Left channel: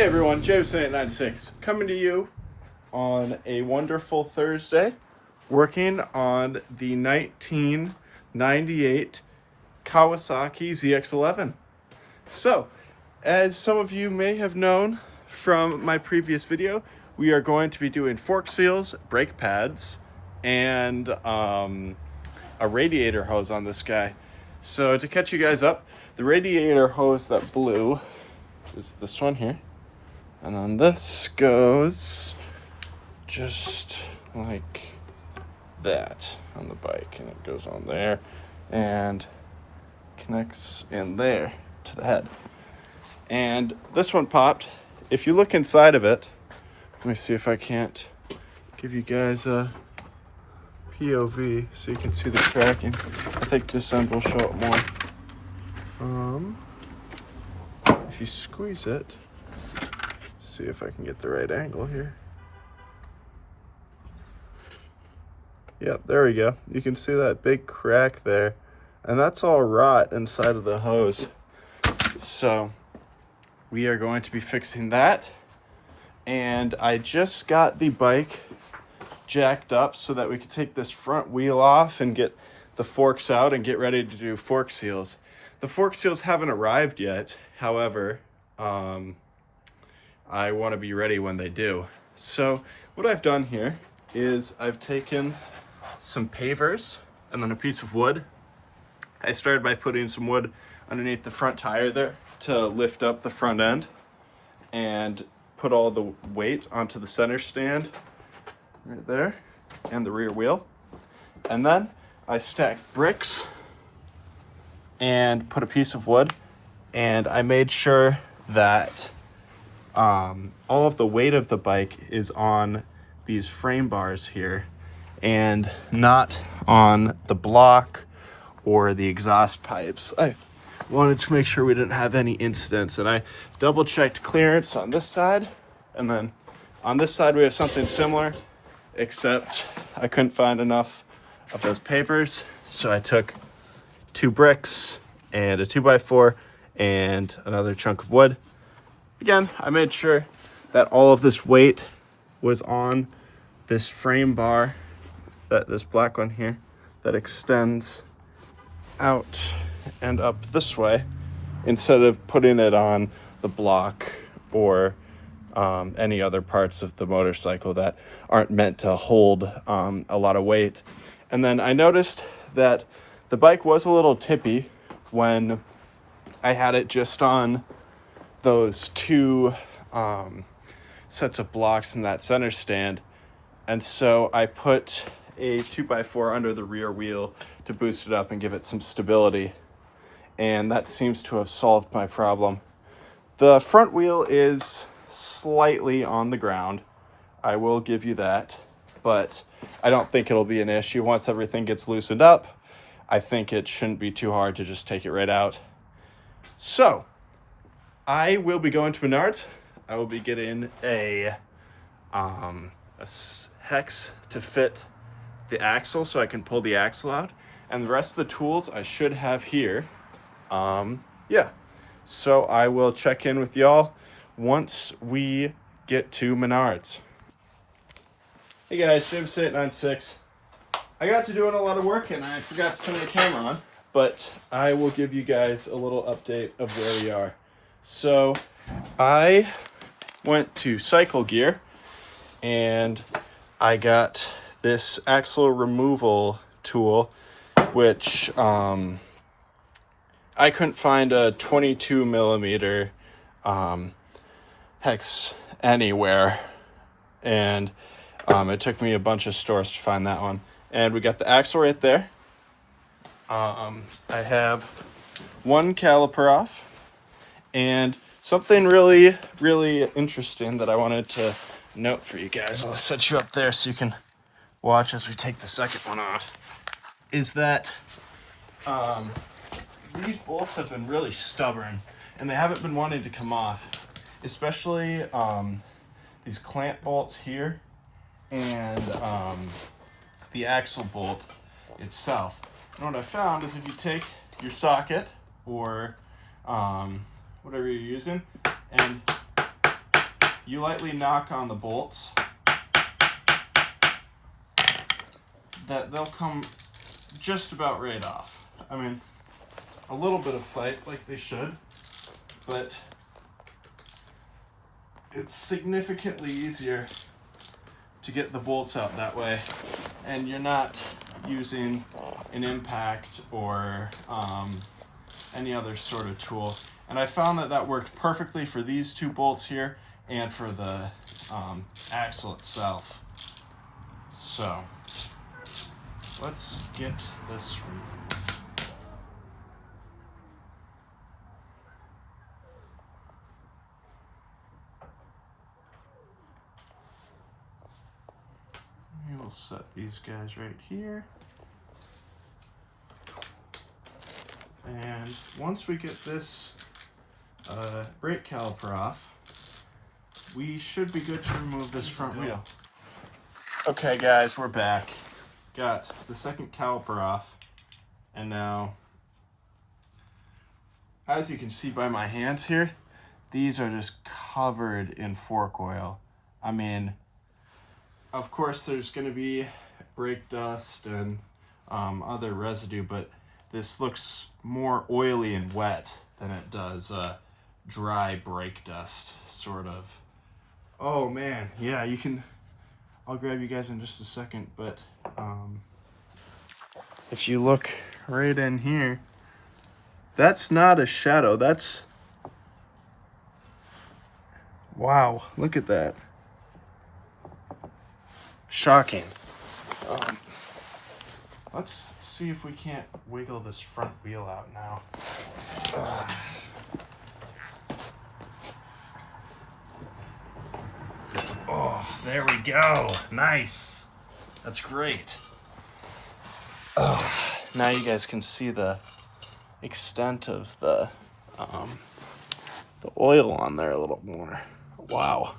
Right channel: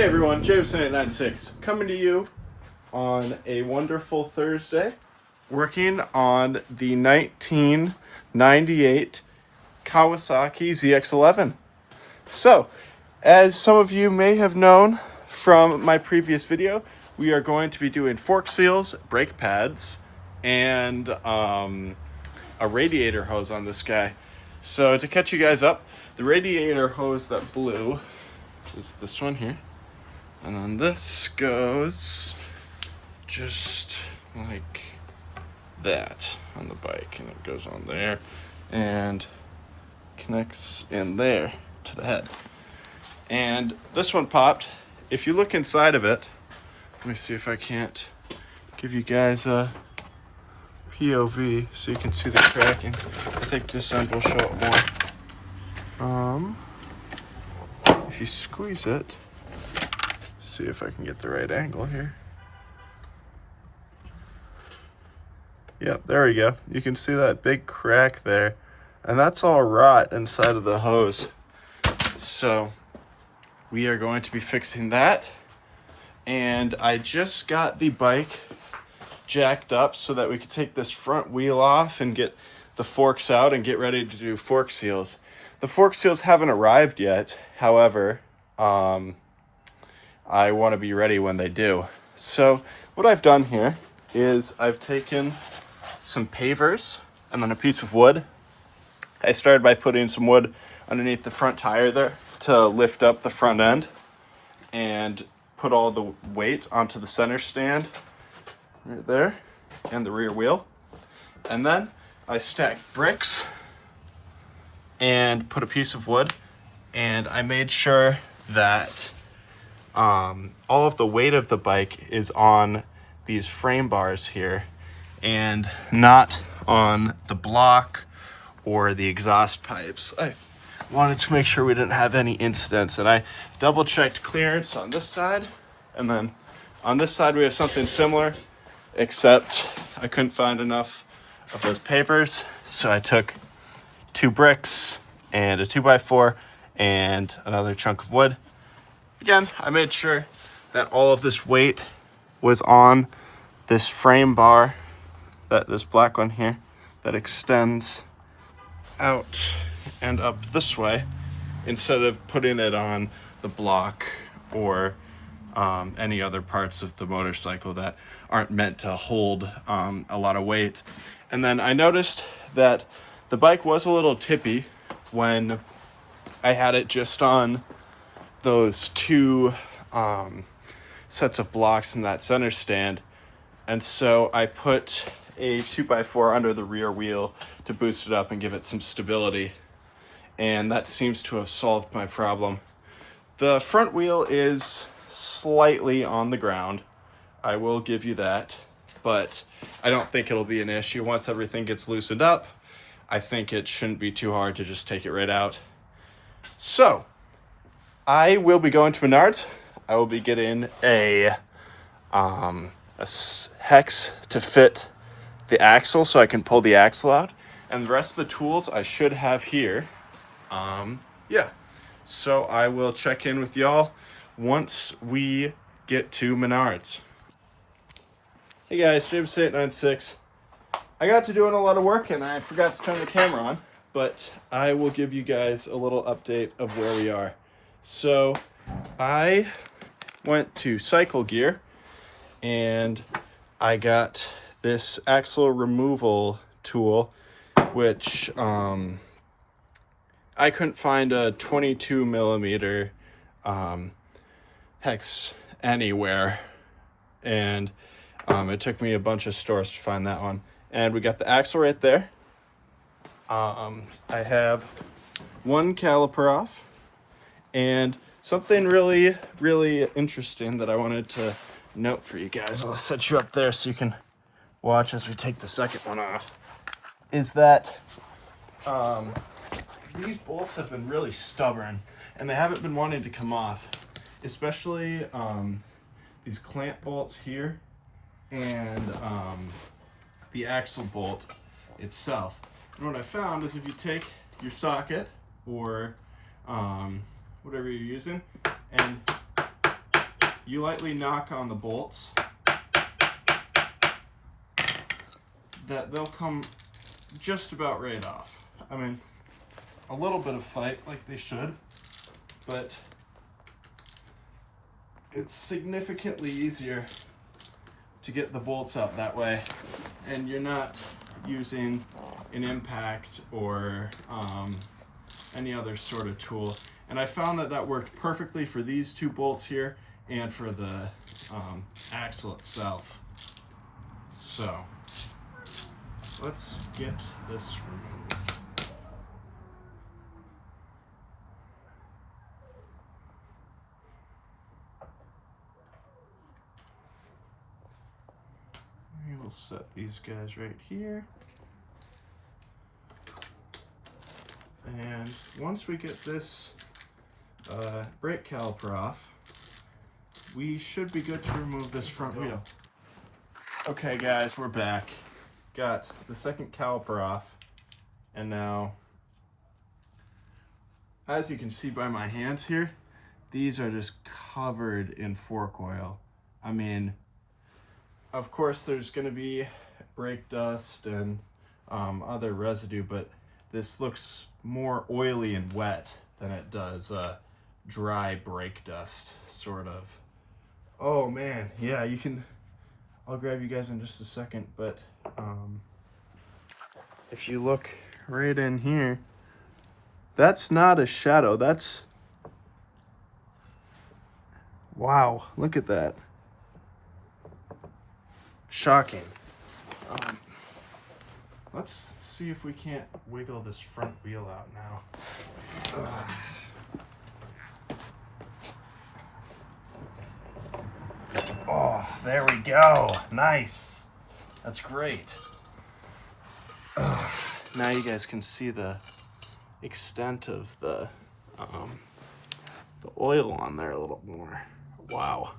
Hey everyone, Jameson896 coming to you on a wonderful Thursday, working on the 1998 Kawasaki ZX11. So, as some of you may have known from my previous video, we are going to be doing fork seals, brake pads, and a radiator hose on this guy. So to catch you guys up, the radiator hose that blew is this one here. And then this goes just like that on the bike, and it goes on there and connects in there to the head. And this one popped. If you look inside of it, let me see if I can't give you guys a POV so you can see the cracking. I think this end will show it more. If you squeeze it, see if I can get the right angle here. Yep, there we go. You can see that big crack there, and that's all rot inside of the hose. So we are going to be fixing that, and I just got the bike jacked up so that we could take this front wheel off and get the forks out and get ready to do fork seals. The fork seals haven't arrived yet, however, I want to be ready when they do. So what I've done here is I've taken some pavers and then a piece of wood. I started by putting some wood underneath the front tire there to lift up the front end and put all the weight onto the center stand right there and the rear wheel. And then I stacked bricks and put a piece of wood, and I made sure that all of the weight of the bike is on these frame bars here and not on the block or the exhaust pipes. I wanted to make sure we didn't have any incidents, and I double checked clearance on this side, and then on this side we have something similar, except I couldn't find enough of those pavers, so I took 2 bricks and a 2x4 and another chunk of wood. Again, I made sure that all of this weight was on this frame bar, this black one here, that extends out and up this way, instead of putting it on the block or any other parts of the motorcycle that aren't meant to hold a lot of weight. And then I noticed that the bike was a little tippy when I had it just on those 2 sets of blocks in that center stand, and so I put a 2x4 under the rear wheel to boost it up and give it some stability, and that seems to have solved my problem. The front wheel is slightly on the ground, I will give you that, but I don't think it'll be an issue once everything gets loosened up. I think it shouldn't be too hard to just take it right out. So I will be going to Menards. I will be getting a hex to fit the axle so I can pull the axle out. And the rest of the tools I should have here. Yeah. So I will check in with y'all once we get to Menards. Hey guys, Jameson896. I got to doing a lot of work and I forgot to turn the camera on, but I will give you guys a little update of where we are. So I went to Cycle Gear and I got this axle removal tool, which I couldn't find a 22 millimeter hex anywhere, and it took me a bunch of stores to find that one. And we got the axle right there. I have 1 caliper off, and something really, really interesting that I wanted to note for you guys, I'll set you up there so you can watch as we take the second one off, is that these bolts have been really stubborn and they haven't been wanting to come off, especially these clamp bolts here and the axle bolt itself. And what I found is if you take your socket or whatever you're using and you lightly knock on the bolts, that they'll come just about right off. I mean, a little bit of fight like they should, but it's significantly easier to get the bolts out that way, and you're not using an impact or any other sort of tool. And I found that that worked perfectly for these two bolts here and for the axle itself. So let's get this removed. We'll set these guys right here. And once we get this brake caliper off, we should be good to remove this front wheel. Okay guys, we're back. Got the second caliper off, and now, as you can see by my hands here, these are just covered in fork oil. I mean, of course there's going to be brake dust and other residue, but this looks more oily and wet than it does dry brake dust, sort of. Oh man, yeah, you can, I'll grab you guys in just a second, but if you look right in here, that's not a shadow, that's, wow, look at that. Shocking. Let's see if we can't wiggle this front wheel out now. Oh, there we go. Nice. That's great. Now you guys can see the extent of the oil on there a little more. Wow.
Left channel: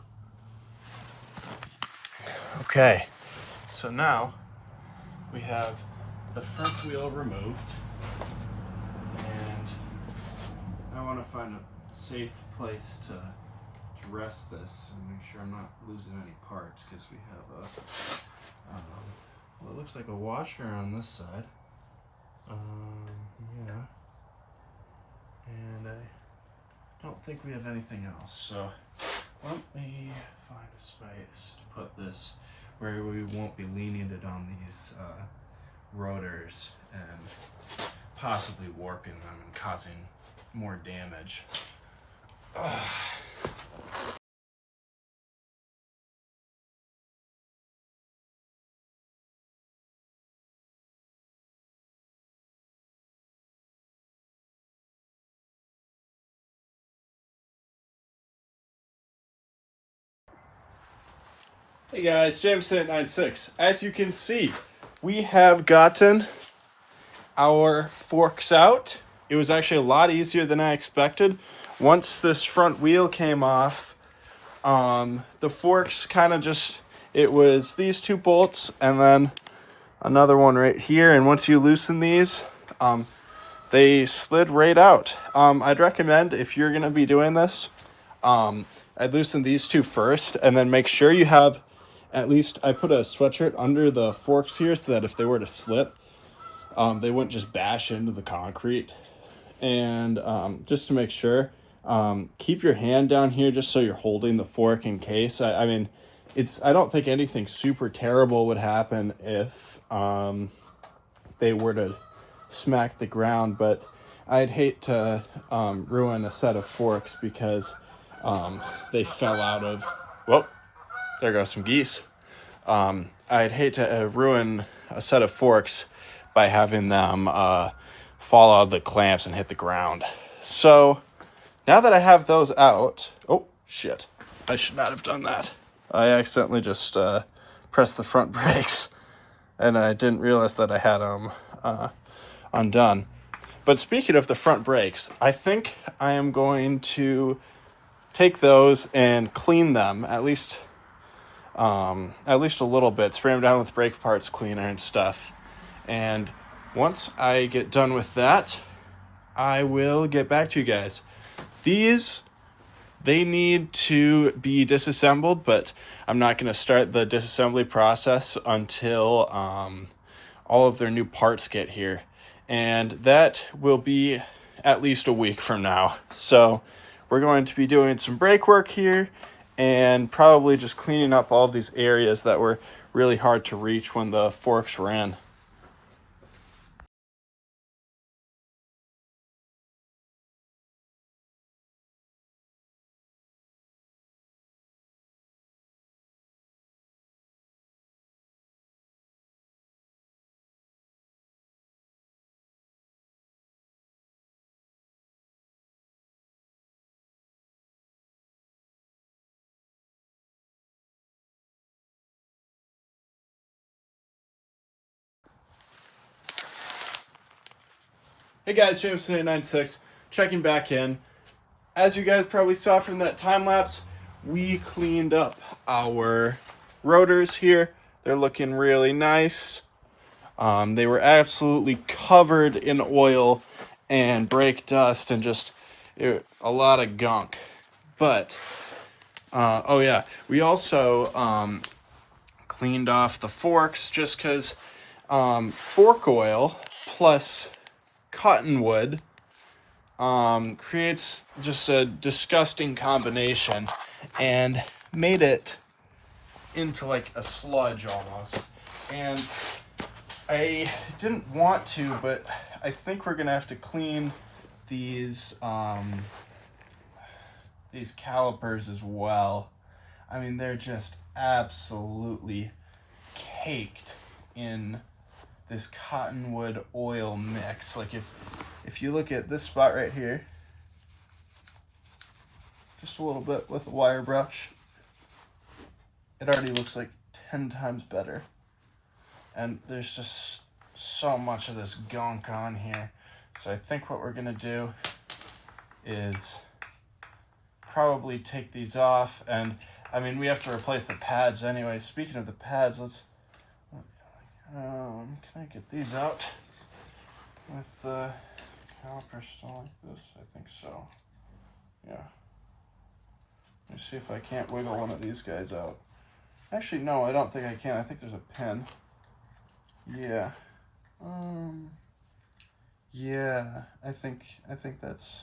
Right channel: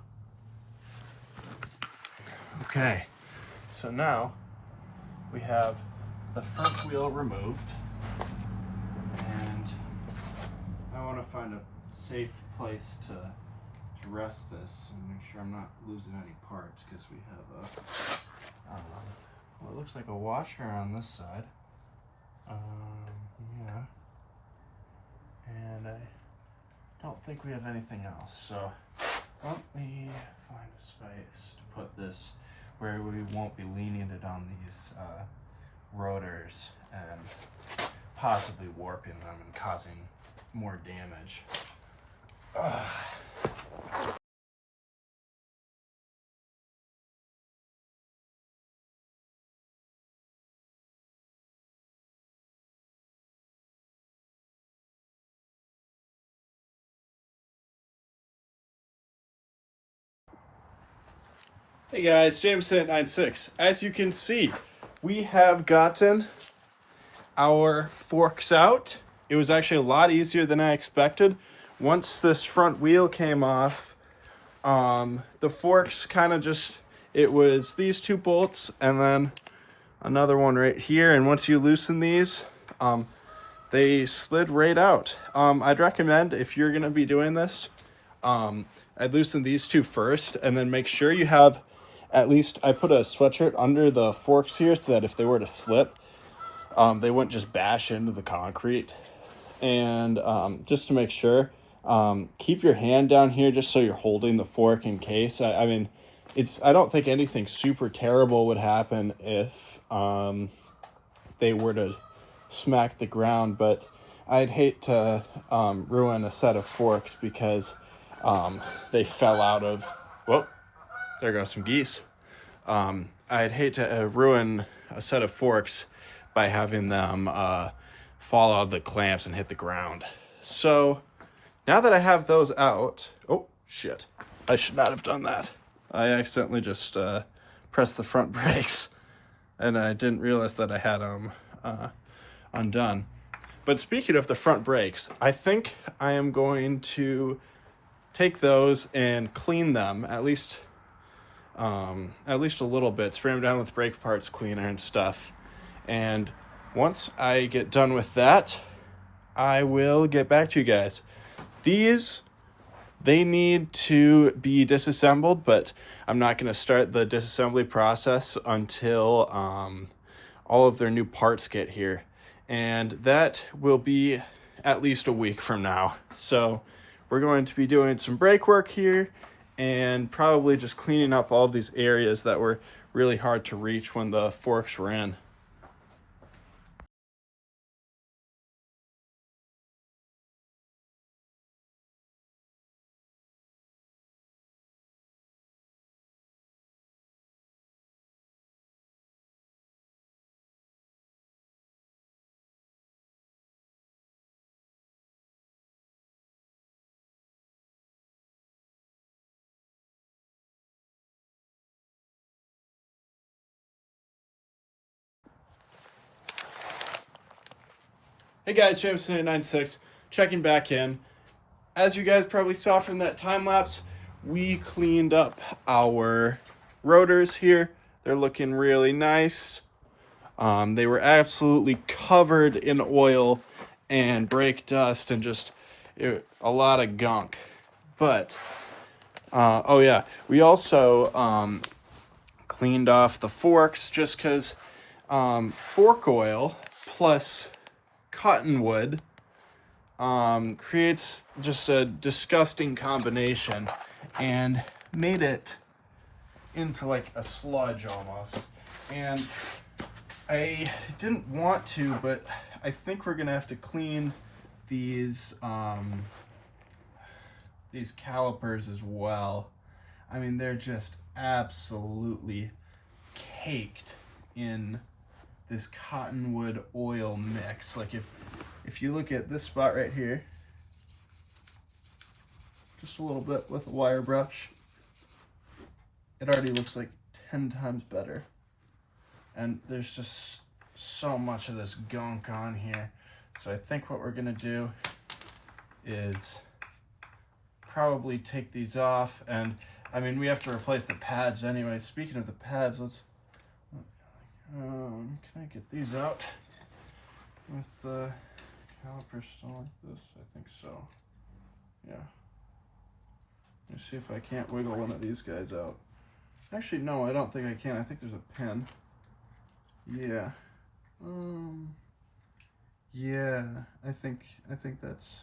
Okay, so now we have the front wheel removed, and I want to find a safe place to rest this and make sure I'm not losing any parts, because we have a well, it looks like a washer on this side. Yeah, and I don't think we have anything else, so let me find a space to put this where we won't be leaning it on these rotors and possibly warping them and causing more damage. Hey guys, Jameson at 96. As you can see, we have gotten our forks out. It was actually a lot easier than I expected. Once this front wheel came off, the forks kind of just, it was these two bolts and then another one right here. And once you loosen these, they slid right out. I'd recommend, if you're going to be doing this, I'd loosen these two first and then make sure you have at least, I put a sweatshirt under the forks here so that if they were to slip, they wouldn't just bash into the concrete. And just to make sure, keep your hand down here just so you're holding the fork in case. I mean, I don't think anything super terrible would happen if they were to smack the ground, but I'd hate to ruin a set of forks because they fell out of, whoop, there goes some geese. I'd hate to ruin a set of forks by having them fall out of the clamps and hit the ground. So now that I have those out, oh shit, I should not have done that. I accidentally just pressed the front brakes and I didn't realize that I had them undone. But speaking of the front brakes, I think I am going to take those and clean them, at least a little bit, spray them down with brake parts cleaner and stuff. And once I get done with that, I will get back to you guys. These they need to be disassembled, but I'm not going to start the disassembly process until all of their new parts get here. And that will be at least a week from now. So we're going to be doing some brake work here and probably just cleaning up all of these areas that were really hard to reach when the forks were in. Hey guys, Jameson896, checking back in. As you guys probably saw from that time lapse, we cleaned up our rotors here. They're looking really nice. They were absolutely covered in oil and brake dust and just a lot of gunk. But, oh yeah, we also cleaned off the forks just because fork oil plus cottonwood creates just a disgusting combination and made it into like a sludge almost. And I didn't want to, but I think we're gonna have to clean these calipers as well. I mean, they're just absolutely caked in this cottonwood oil mix. Like if you look at this spot right here, just a little bit with a wire brush, it already looks like 10 times better. And there's just so much of this gunk on here. So I think what we're gonna do is probably take these off. And I mean, we have to replace the pads anyway. Speaking of the pads, let's, can I get these out with the caliper still like this? I think so. Yeah. Let me see if I can't wiggle one of these guys out. Actually, no, I don't think I can. I think there's a pin. Yeah. Yeah, I think that's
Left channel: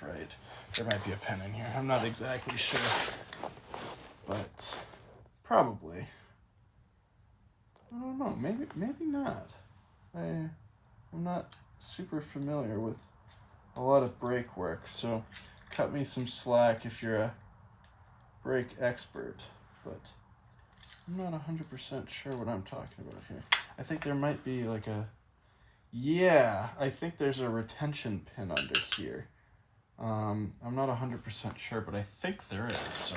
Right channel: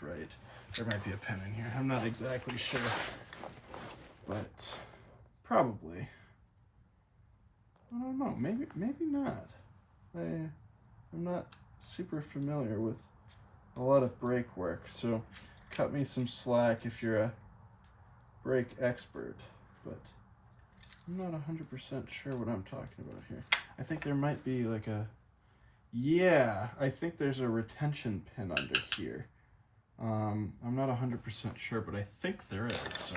right. There might be a pin in here. I'm not exactly sure, but probably. I don't know. Maybe not. I'm not super familiar with a lot of brake work, so cut me some slack if you're a brake expert. But I'm not 100% sure what I'm talking about here. I think there might be like a, yeah, I think there's a retention pin under here. I'm not 100% sure, but I think there is. So,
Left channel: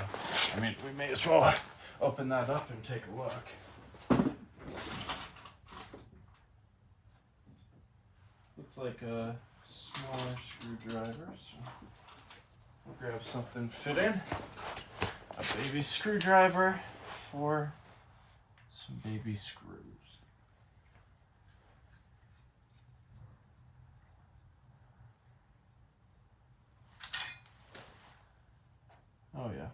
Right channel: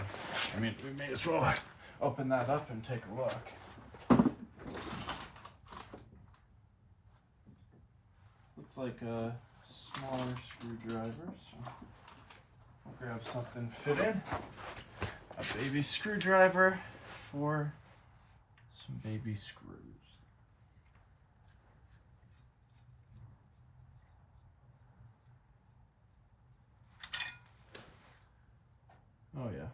I mean, we may as well open that up and take a look. Looks like a smaller screwdriver, so we'll grab something fitting. A baby screwdriver for some baby screws. Oh yeah.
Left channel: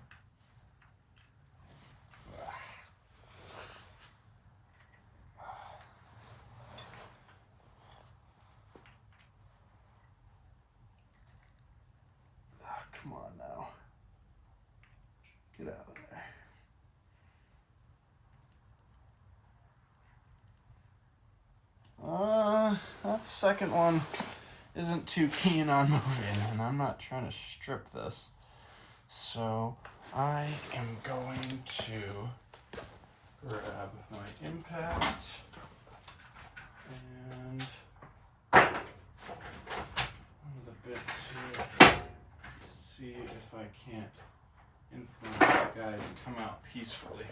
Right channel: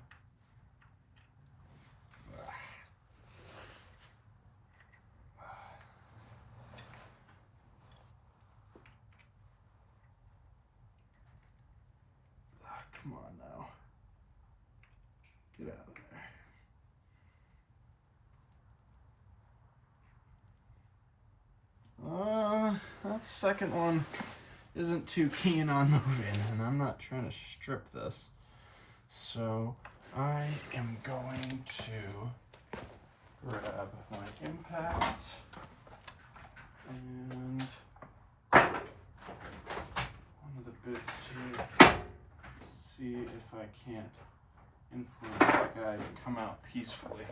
Come on now. Get out of there. That second one isn't too keen on moving, and I'm not trying to strip this. So I am going to grab my impact and one of the bits here. See if I can't influence that guy to come out peacefully.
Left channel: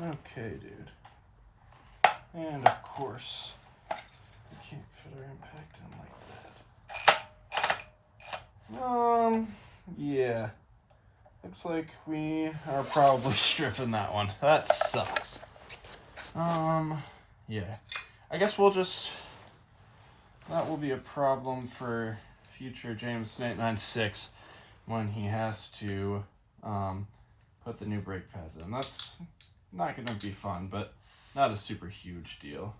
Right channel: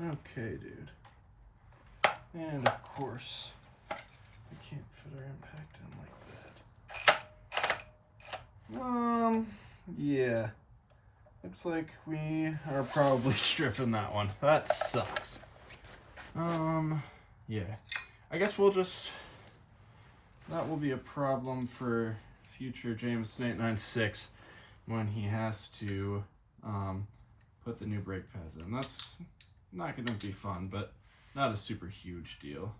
Okay, dude. And of course, we can't fit our impact in like that. Yeah. Looks like we are probably stripping that one. That sucks. Yeah. I guess we'll just that will be a problem for future Jameson 896 when he has to put the new brake pads in. That's not going to be fun, but not a super huge deal.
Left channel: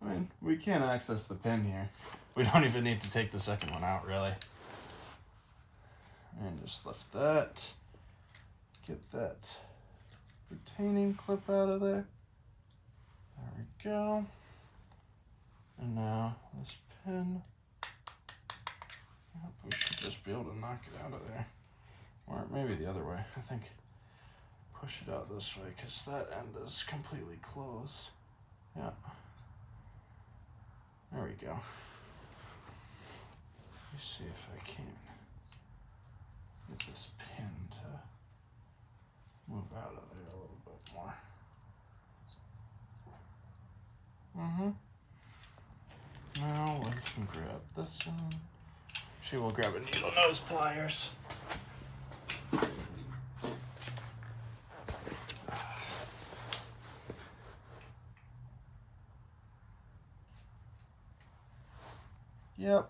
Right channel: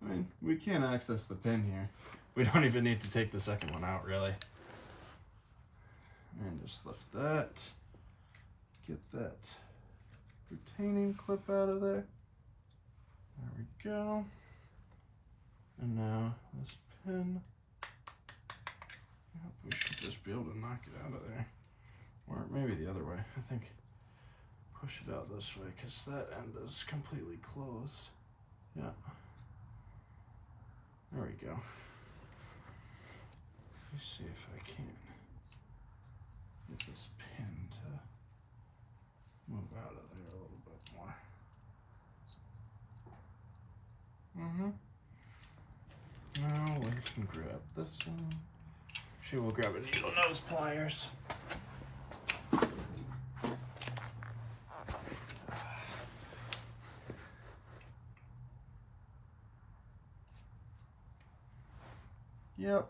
I mean, we can access the pin here. We don't even need to take the second one out, really. And just lift that. Get that retaining clip out of there. There we go. And now this pin. Yep, we should just be able to knock it out of there. Or maybe the other way. I think push it out this way because that end is completely closed. Yeah. There we go. Let me see if I can get this pin to move out of there a little bit more. Now we can grab this one. Actually, we'll grab a needle nose pliers. Yep.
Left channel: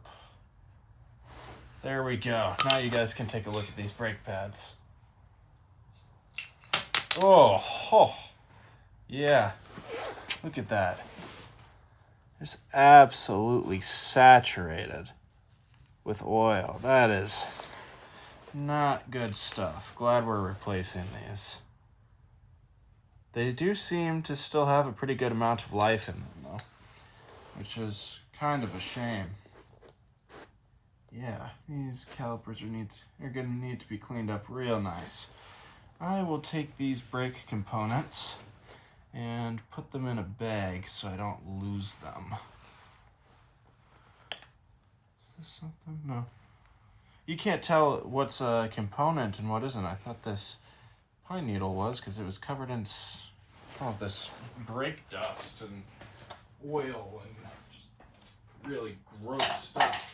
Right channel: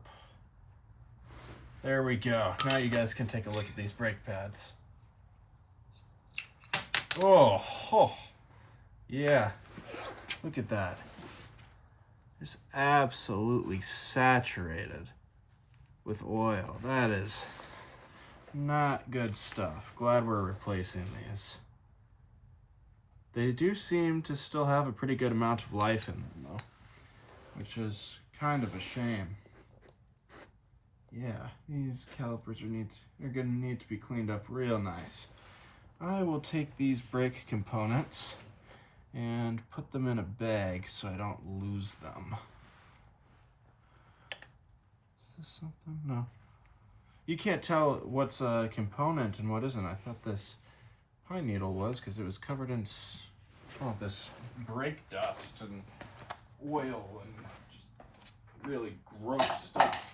There we go. Now you guys can take a look at these brake pads. Oh, yeah. Look at that. It's absolutely saturated with oil. That is not good stuff. Glad we're replacing these. They do seem to still have a pretty good amount of life in them, though, which is kind of a shame. Yeah, these calipers are going to need to be cleaned up real nice. I will take these brake components and put them in a bag so I don't lose them. Is this something? No. You can't tell what's a component and what isn't. I thought this pine needle was because it was covered in this brake dust and oil and just really gross stuff.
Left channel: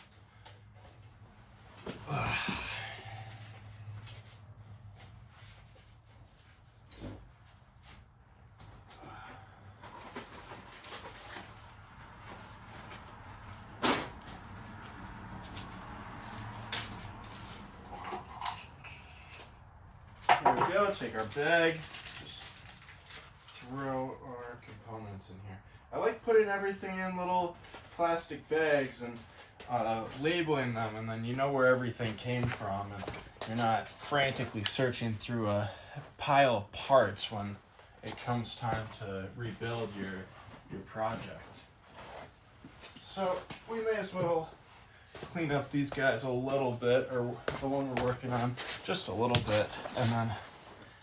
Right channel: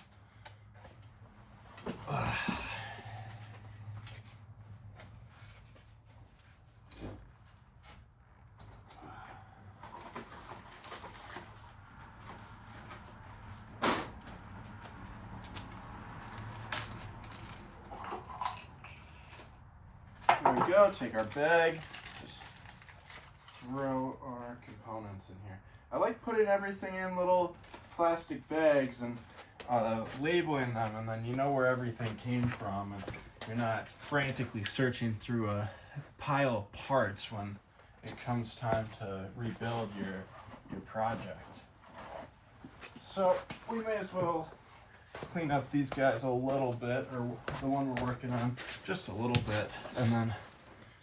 Here we go, take our bag, just throw our components in here. I like putting everything in little plastic bags and labeling them, and then you know where everything came from, and you're not frantically searching through a pile of parts when it comes time to rebuild your project. So we may as well clean up these guys a little bit, or the one we're working on just a little bit, and then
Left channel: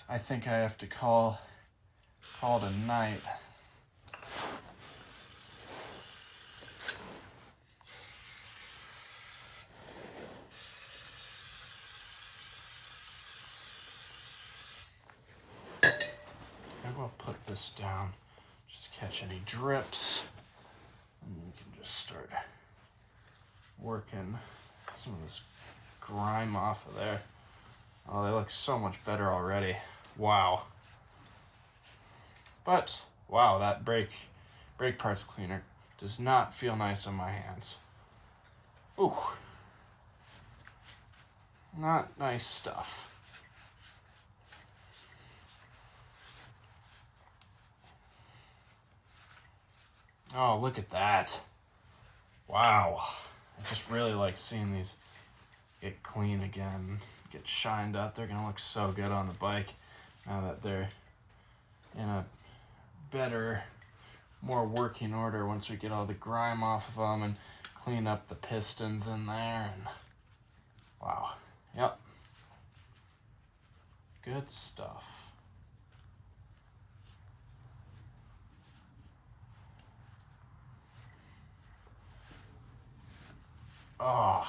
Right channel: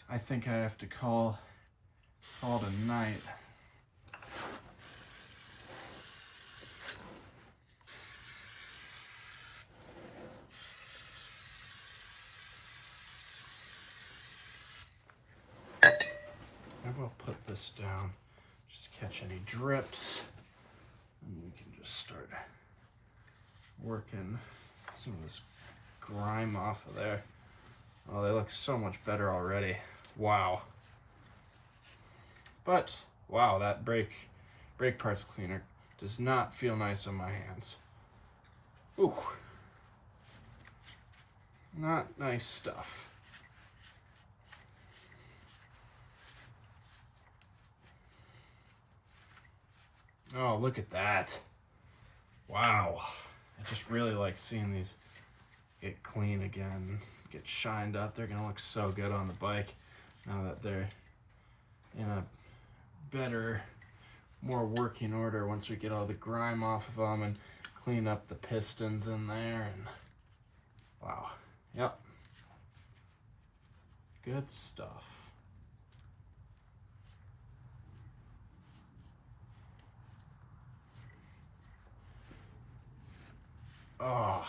I think I have to call it a night. I will put this down just to catch any drips, and we can just start working some of this grime off of there. Oh, they look so much better already. Wow. But wow, that brake parts cleaner does not feel nice on my hands. Ooh. Not nice stuff. Oh, look at that. Wow. I just really like seeing these get clean again, get shined up. They're gonna look so good on the bike now that they're in a better, more working order once we get all the grime off of them and clean up the pistons in there. And wow. Yep. Good stuff. Oh,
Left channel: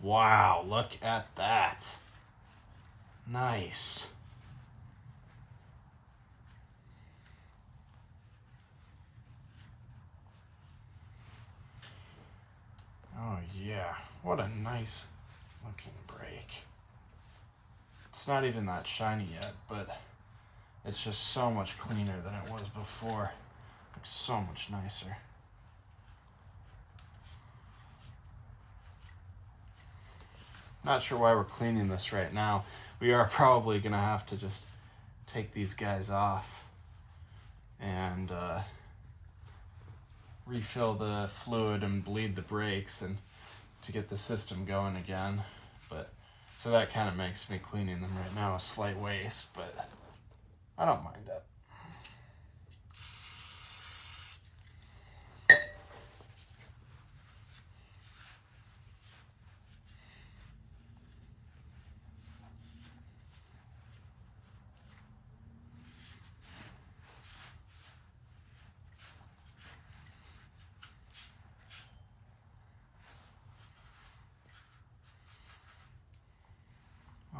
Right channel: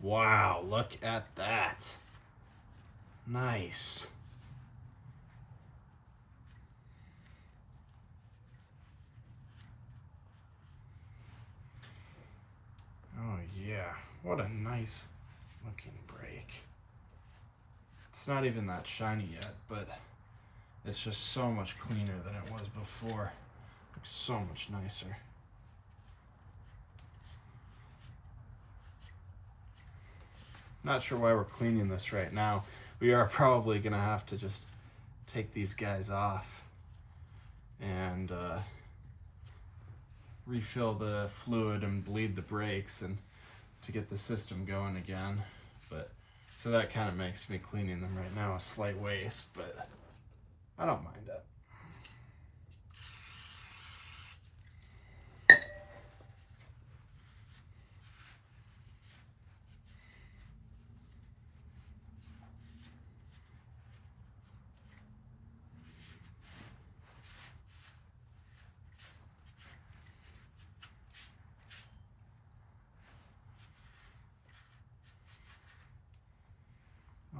wow, look at that. Nice. Oh yeah, what a nice looking brake. It's not even that shiny yet, but it's just so much cleaner than it was before. Looks so much nicer. Not sure why we're cleaning this right now. We are probably gonna have to just take these guys off and refill the fluid and bleed the brakes and to get the system going again. But so that kind of makes me cleaning them right now a slight waste, but I don't mind it.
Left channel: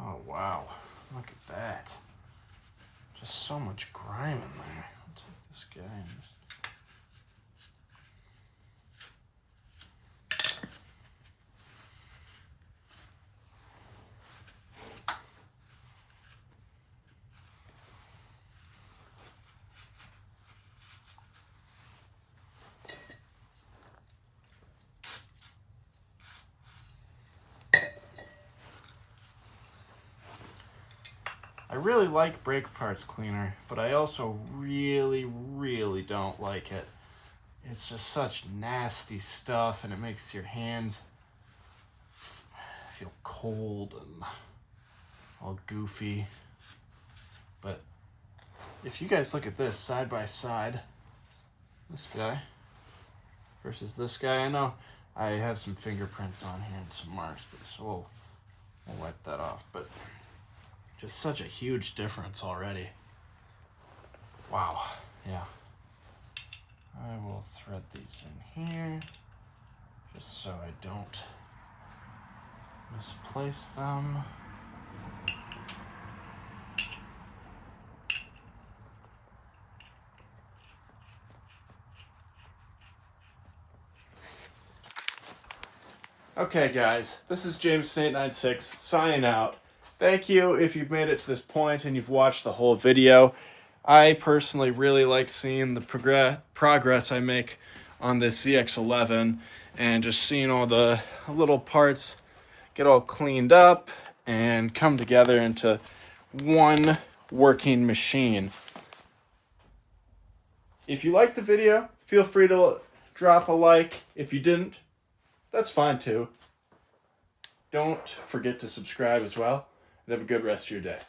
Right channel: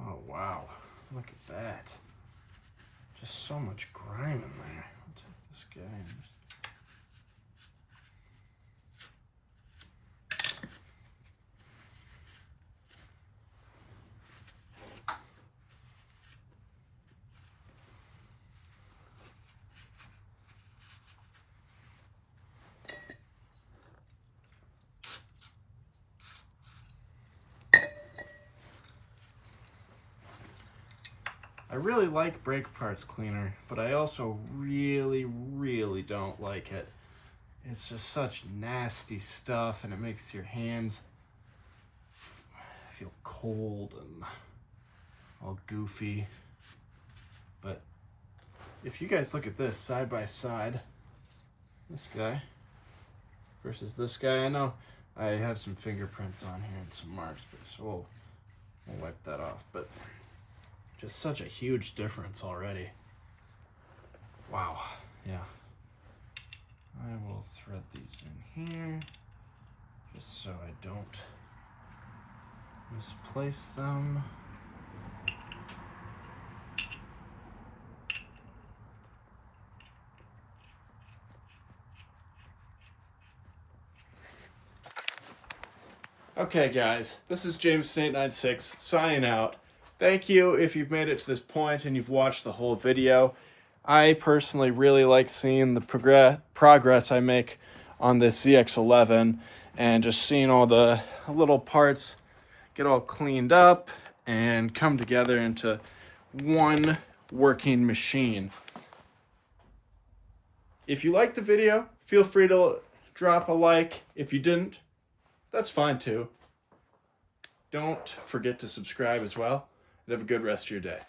Oh wow, look at that. Just so much grime in there. I'll take this guy and just... I really like brake parts cleaner, but I also really don't like it. It's just such nasty stuff, and it makes your hands feel cold and all goofy. But if you guys look at this side by side, this guy versus this guy, I know I have some fingerprints on here and some marks, so we'll wipe that off. But just such a huge difference already. Wow, yeah. I will thread these in here just so I don't misplace them. Okay guys, this is James896 signing out. Thank you if you've made it to this point and you've watched the whole video. I personally really like seeing the progress I make on this ZX11 and just seeing all the little parts get all cleaned up and come together into one working machine. If you liked the video, feel free to drop a like. If you didn't, that's fine too. Don't forget to subscribe as well, and have a good rest of your day.